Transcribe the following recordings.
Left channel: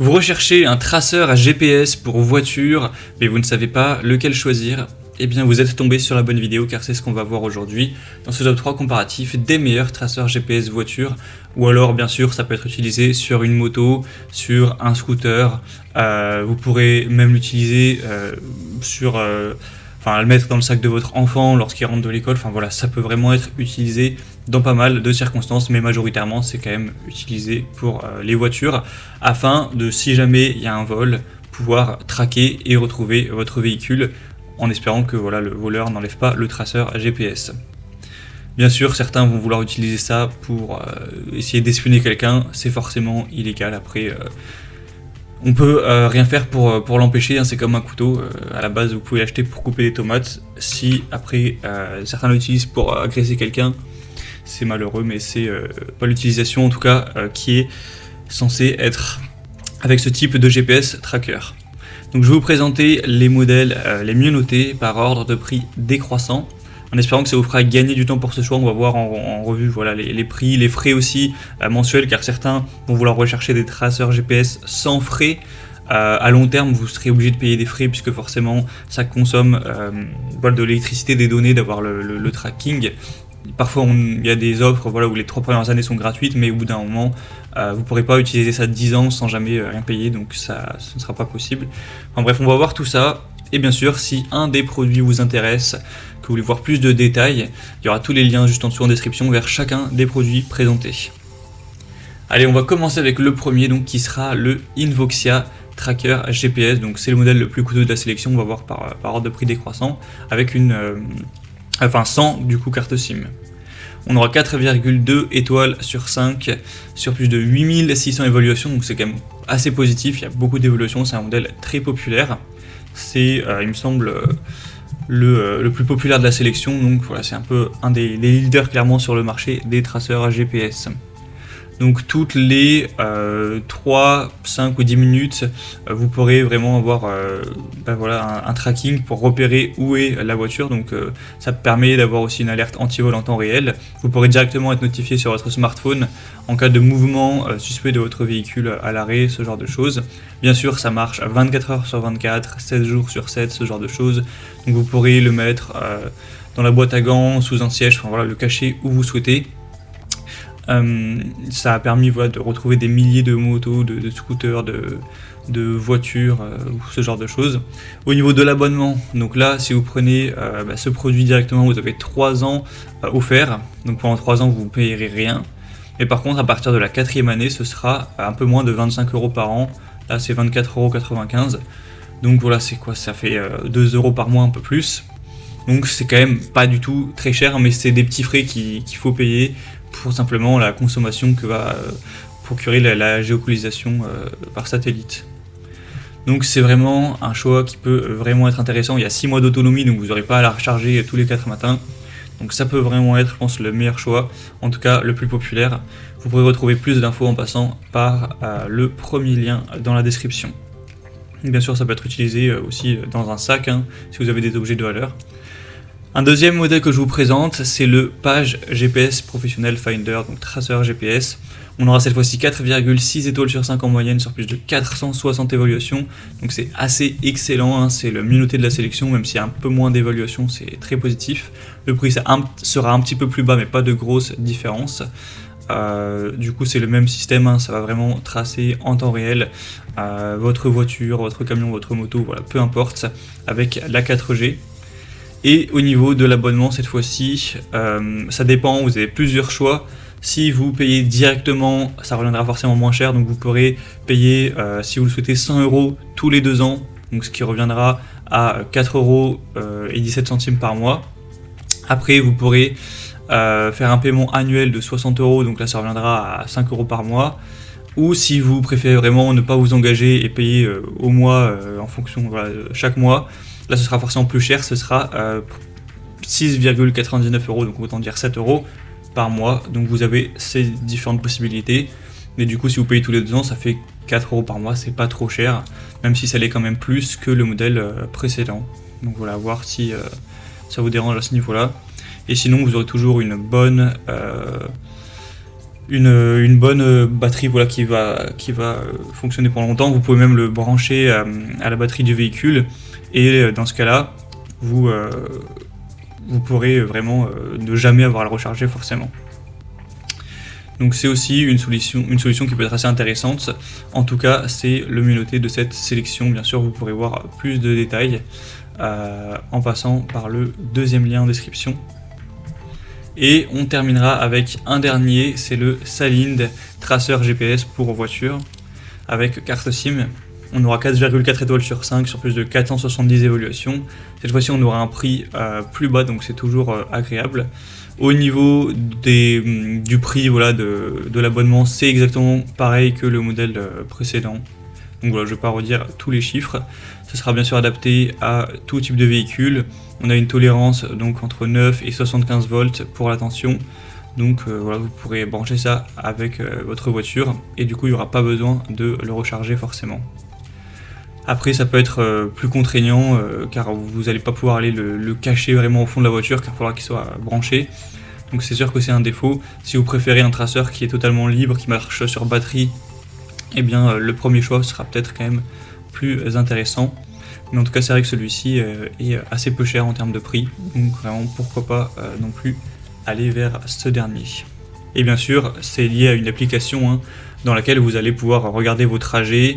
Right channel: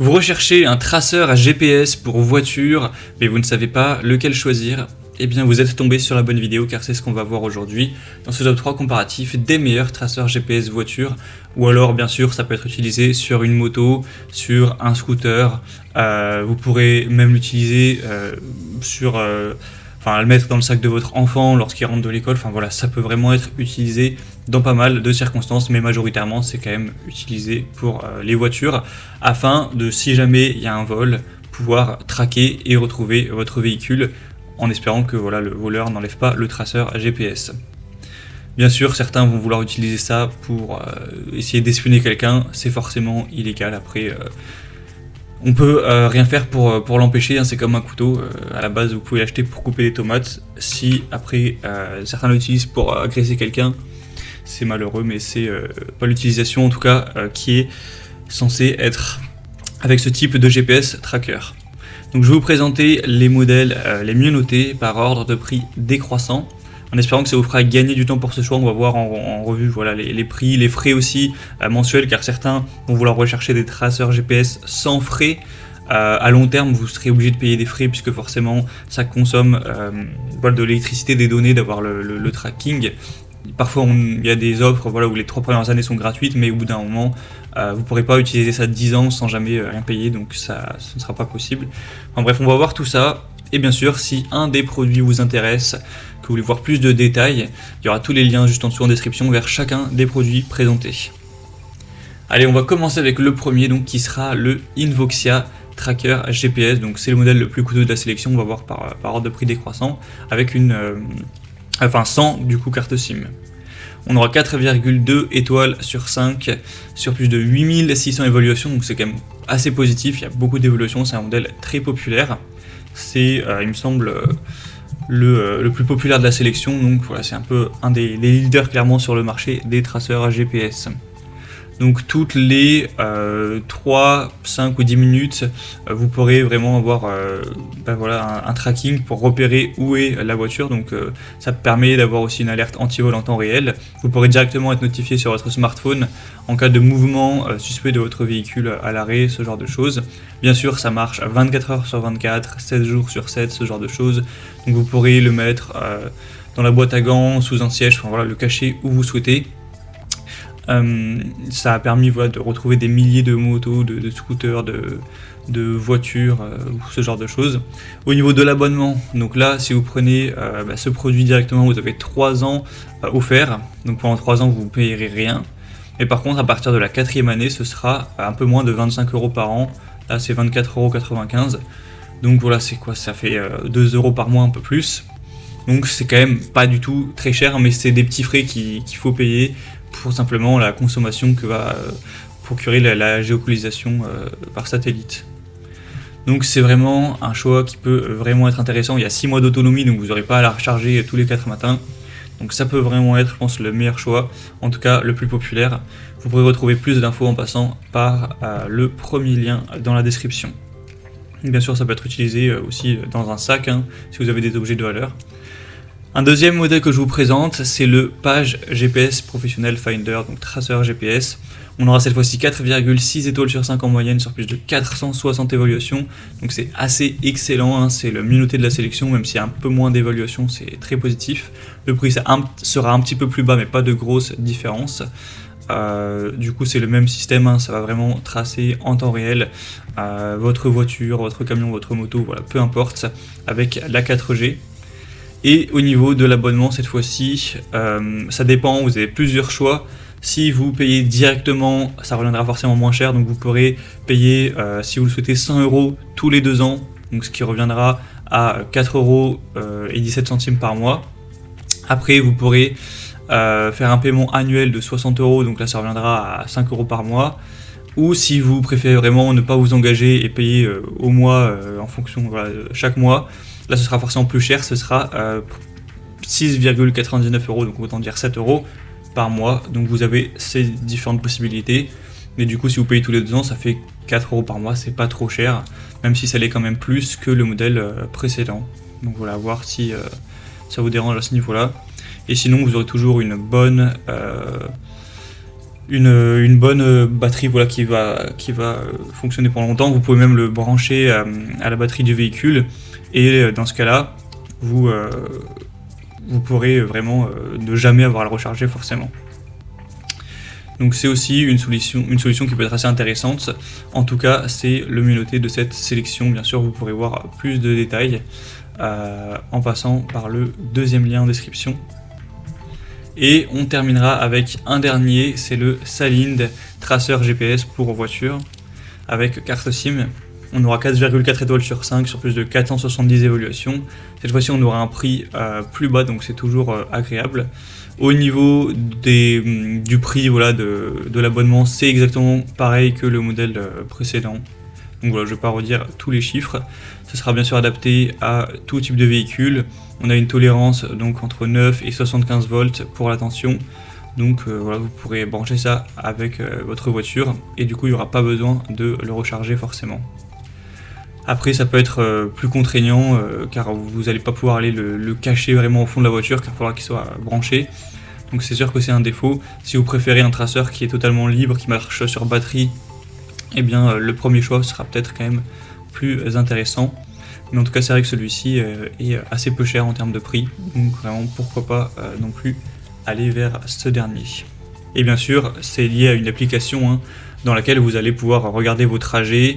Vous recherchez un traceur à GPS pour voiture, mais vous ne savez pas lequel choisir. Eh bien, vous êtes tombé sur la bonne vidéo car c'est ce qu'on va voir aujourd'hui dans ce top 3 comparatif des meilleurs traceurs GPS voiture. Ou alors, bien sûr, ça peut être utilisé sur une moto, sur un scooter. Vous pourrez même l'utiliser le mettre dans le sac de votre enfant lorsqu'il rentre de l'école. Enfin voilà, ça peut vraiment être utilisé dans pas mal de circonstances, mais majoritairement c'est quand même utilisé pour les voitures afin de, si jamais il y a un vol, pouvoir traquer et retrouver votre véhicule en espérant que voilà, le voleur n'enlève pas le traceur à GPS. Bien sûr, certains vont vouloir utiliser ça pour essayer d'espionner quelqu'un, c'est forcément illégal. Après, on peut rien faire pour l'empêcher, hein, c'est comme un couteau. À la base, vous pouvez l'acheter pour couper les tomates. Si après certains l'utilisent pour agresser quelqu'un, c'est malheureux, mais c'est pas l'utilisation en tout cas qui est censée être avec ce type de GPS tracker. Donc je vais vous présenter les modèles les mieux notés par ordre de prix décroissant, en espérant que ça vous fera gagner du temps pour ce choix. On va voir en revue voilà, les prix, les frais aussi mensuels, car certains vont vouloir rechercher des traceurs GPS sans frais. À long terme, vous serez obligé de payer des frais puisque forcément ça consomme de l'électricité, des données, d'avoir le tracking. Parfois, il y a des offres où les 3 premières années sont gratuites, mais au bout d'un moment, vous ne pourrez pas utiliser ça 10 ans sans jamais rien payer, donc ce ne sera pas possible. Donc bref, on va voir tout ça. Et bien sûr, si un des produits vous intéresse, que vous voulez voir plus de détails, il y aura tous les liens juste en dessous en description vers chacun des produits présentés. Allez, on va commencer avec le premier, donc qui sera le Invoxia Tracker GPS. Donc c'est le modèle le plus coûteux de la sélection. On va voir par ordre de prix décroissant, avec sans du coup carte SIM. On aura 4,2 étoiles sur 5 sur plus de 8600 évaluations, donc c'est quand même assez positif. Il y a beaucoup d'évolutions, c'est un modèle très populaire. C'est, il me semble, le plus populaire de la sélection, donc voilà, c'est un peu un des leaders clairement sur le marché des traceurs à GPS. Donc toutes les 3, 5 ou 10 minutes, vous pourrez vraiment avoir un tracking pour repérer où est la voiture. Donc ça permet d'avoir aussi une alerte anti-vol en temps réel. Vous pourrez directement être notifié sur votre smartphone en cas de mouvement suspect de votre véhicule à l'arrêt, ce genre de choses. Bien sûr, ça marche à 24 heures sur 24, 7 jours sur 7, ce genre de choses. Et vous pourrez le mettre dans la boîte à gants, sous un siège, le cacher où vous souhaitez. Ça a permis de retrouver des milliers de motos, de scooters, de voitures, ce genre de choses. Au niveau de l'abonnement, donc là, si vous prenez ce produit directement, vous avez 3 ans offerts. Donc pendant 3 ans, vous ne payerez rien. Mais par contre, à partir de la 4e année, ce sera un peu moins de 25 € par an. Là, c'est 24,95 €. Donc voilà, c'est quoi? Ça fait 2 € par mois, un peu plus. Donc c'est quand même pas du tout très cher, mais c'est des petits frais qu'il faut payer pour simplement la consommation que va procurer la géolocalisation par satellite. Donc c'est vraiment un choix qui peut vraiment être intéressant. Il y a 6 mois d'autonomie, donc vous n'aurez pas à la recharger tous les 4 matins. Donc ça peut vraiment être, je pense, le meilleur choix, en tout cas le plus populaire. Vous pourrez retrouver plus d'infos en passant par le premier lien dans la description. Bien sûr, ça peut être utilisé aussi dans un sac, si vous avez des objets de valeur. Un deuxième modèle que je vous présente, c'est le Page GPS Professional Finder, donc traceur GPS. On aura cette fois-ci 4,6 étoiles sur 5 en moyenne sur plus de 460 évaluations. Donc c'est assez excellent, c'est le mieux noté de la sélection, même s'il y a un peu moins d'évaluations, c'est très positif. Le prix sera un petit peu plus bas, mais pas de grosse différence. Du coup c'est le même système, ça va vraiment tracer en temps réel votre voiture, votre camion, votre moto, voilà, peu importe, avec la 4G. Et au niveau de l'abonnement, cette fois-ci, ça dépend, vous avez plusieurs choix. Si vous payez directement, ça reviendra forcément moins cher, donc vous pourrez payer, si vous le souhaitez, 100 € tous les 2 ans, donc ce qui reviendra à 4,17 € par mois. Après, vous pourrez faire un paiement annuel de 60 €, donc là ça reviendra à 5 € par mois. Ou si vous préférez vraiment ne pas vous engager et payer au mois en fonction, chaque mois, là ce sera forcément plus cher, ce sera 6,99 €, donc autant dire 7 € par mois. Donc vous avez ces différentes possibilités. Mais du coup, si vous payez tous les 2 ans, ça fait 4 € par mois, c'est pas trop cher, même si ça l'est quand même plus que le modèle précédent. Donc voilà, voir si ça vous dérange à ce niveau-là. Et sinon, vous aurez toujours une bonne batterie qui va fonctionner pendant longtemps. Vous pouvez même le brancher à la batterie du véhicule, et dans ce cas-là, vous pourrez vraiment ne jamais avoir à le recharger forcément. Donc c'est aussi une solution qui peut être assez intéressante. En tout cas, c'est le mieux noté de cette sélection. Bien sûr, vous pourrez voir plus de détails en passant par le deuxième lien en description. Et on terminera avec un dernier, c'est le Salind Tracer GPS pour voiture avec carte SIM. On aura 4,4 étoiles sur 5 sur plus de 470 évaluations. Cette fois-ci, on aura un prix plus bas, donc c'est toujours agréable. Au niveau du prix, voilà, de l'abonnement, c'est exactement pareil que le modèle précédent. Donc voilà, je ne vais pas redire tous les chiffres. Ce sera bien sûr adapté à tout type de véhicule. On a une tolérance donc entre 9 et 75 volts pour la tension. Donc voilà, vous pourrez brancher ça avec votre voiture et du coup il n'y aura pas besoin de le recharger forcément. Après ça peut être plus contraignant car vous n'allez pas pouvoir aller le cacher vraiment au fond de la voiture car il faudra qu'il soit branché. Donc c'est sûr que c'est un défaut. Si vous préférez un traceur qui est totalement libre, qui marche sur batterie, eh bien le premier choix sera peut-être quand même plus intéressant. Mais en tout cas c'est vrai que celui-ci est assez peu cher en termes de prix. Donc vraiment pourquoi pas non plus aller vers ce dernier. Et bien sûr c'est lié à une application dans laquelle vous allez pouvoir regarder vos trajets.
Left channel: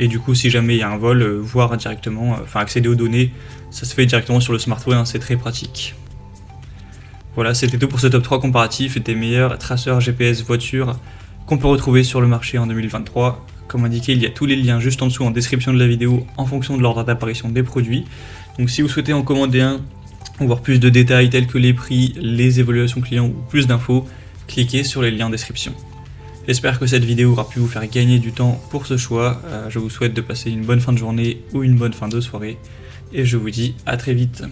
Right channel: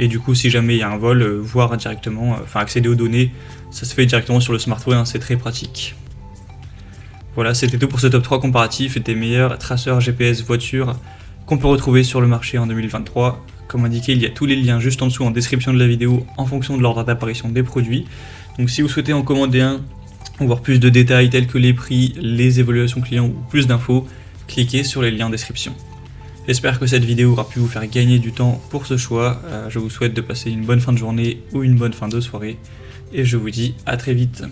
Et du coup, si jamais il y a un vol, voir directement, accéder aux données, ça se fait directement sur le smartphone, c'est très pratique. Voilà, c'était tout pour ce top 3 comparatif des meilleurs traceurs GPS voiture qu'on peut retrouver sur le marché en 2023. Comme indiqué, il y a tous les liens juste en dessous en description de la vidéo en fonction de l'ordre d'apparition des produits. Donc si vous souhaitez en commander un, ou voir plus de détails tels que les prix, les évaluations clients ou plus d'infos, cliquez sur les liens en description. J'espère que cette vidéo aura pu vous faire gagner du temps pour ce choix. Je vous souhaite de passer une bonne fin de journée ou une bonne fin de soirée. Et je vous dis à très vite.